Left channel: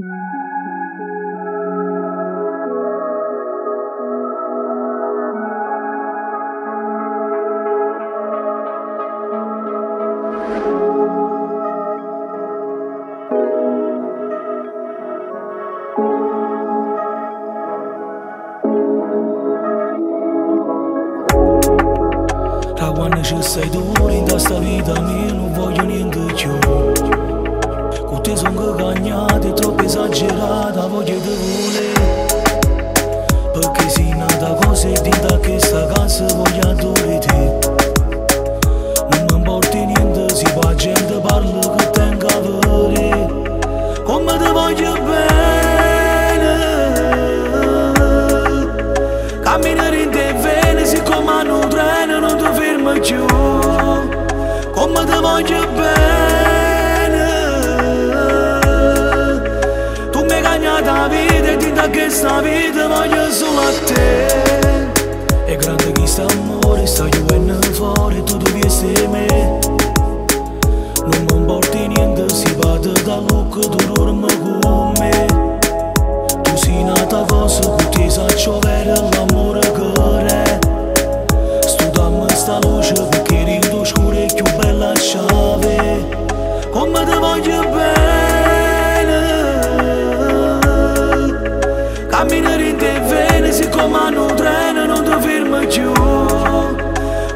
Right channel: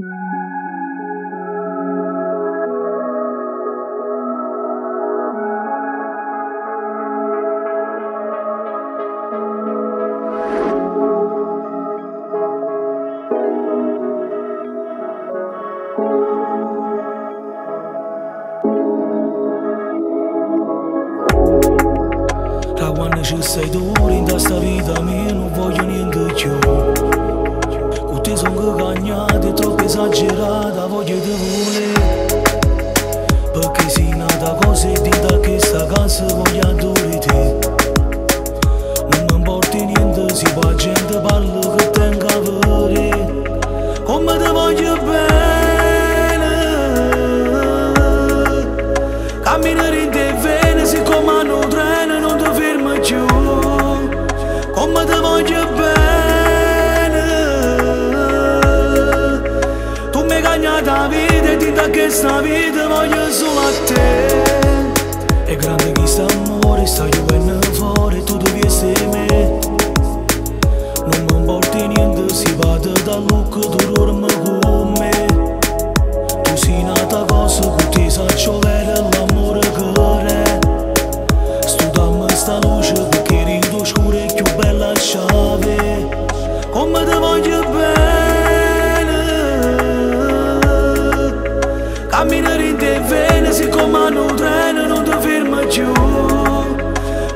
Da quando ci sei tu in questa vita mia non voglio niente più. Con te sono cagnate, troppo esagerata, voglio te volere. Perché sei nata cosa e da questa casa voglio adorare te. Non mi importa niente se la gente parla che tengo a vedere. Come te voglio bene, camminare in te vene, siccome hanno un treno non ti fermi più. Come te voglio bene, tu mi hai cagnato la vita e da questa vita voglio solo a te. È grande questo amore, stai venendo fuori, tu devi essere me. Non mi importa niente se vado da look, tu dormi con me. Tu sei nata cosa, con te sa giovere l'amore che è. Studiamo sta luce perché rido scuro è più bella chiave. Come te voglio bene, camminare in te vene, siccome hanno un treno non ti fermi più.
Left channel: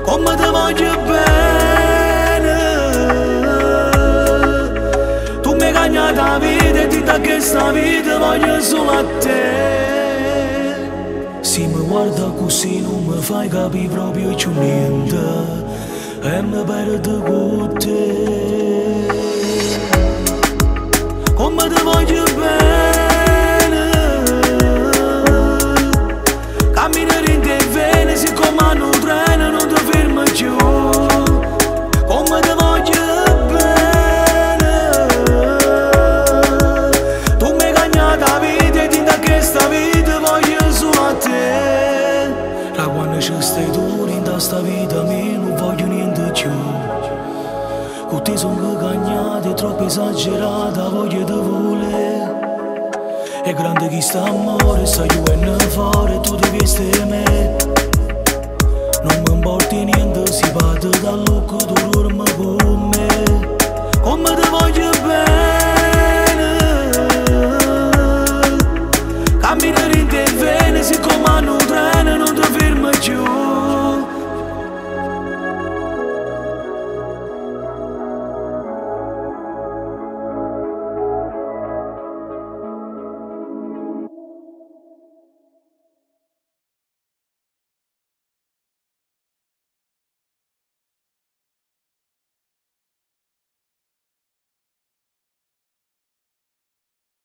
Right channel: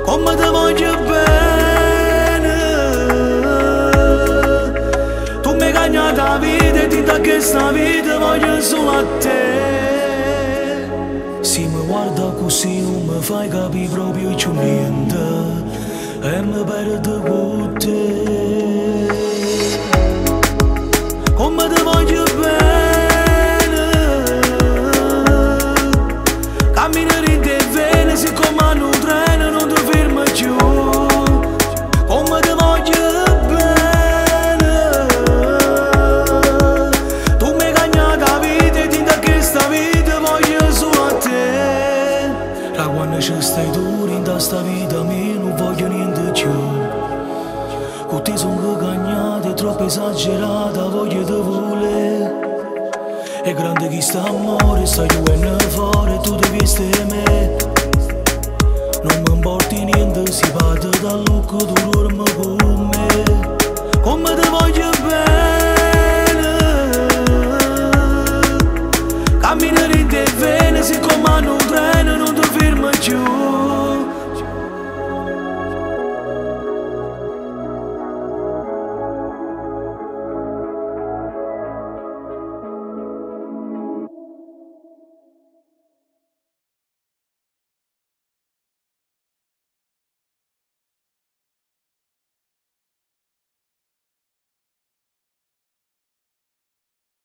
Come te voglio bene, tu mi hai cagnato la vita e da questa vita voglio solo a te. Se mi guarda così non mi fai capire proprio più niente e mi perdo con te. Come te voglio bene, camminare in te vene, siccome hanno un treno non ti fermi più. Come te voglio bene, tu mi hai cagnato la vita e da questa vita voglio solo a te. Da quando ci stai tu in questa vita mia non voglio niente più. Con te sono cagnate, troppo esagerata, voglio te volere. È grande questo amore, stai venendo fuori, tu devi essere me. Non mi importa niente se vado da look, tu dormi con me. Come te voglio bene,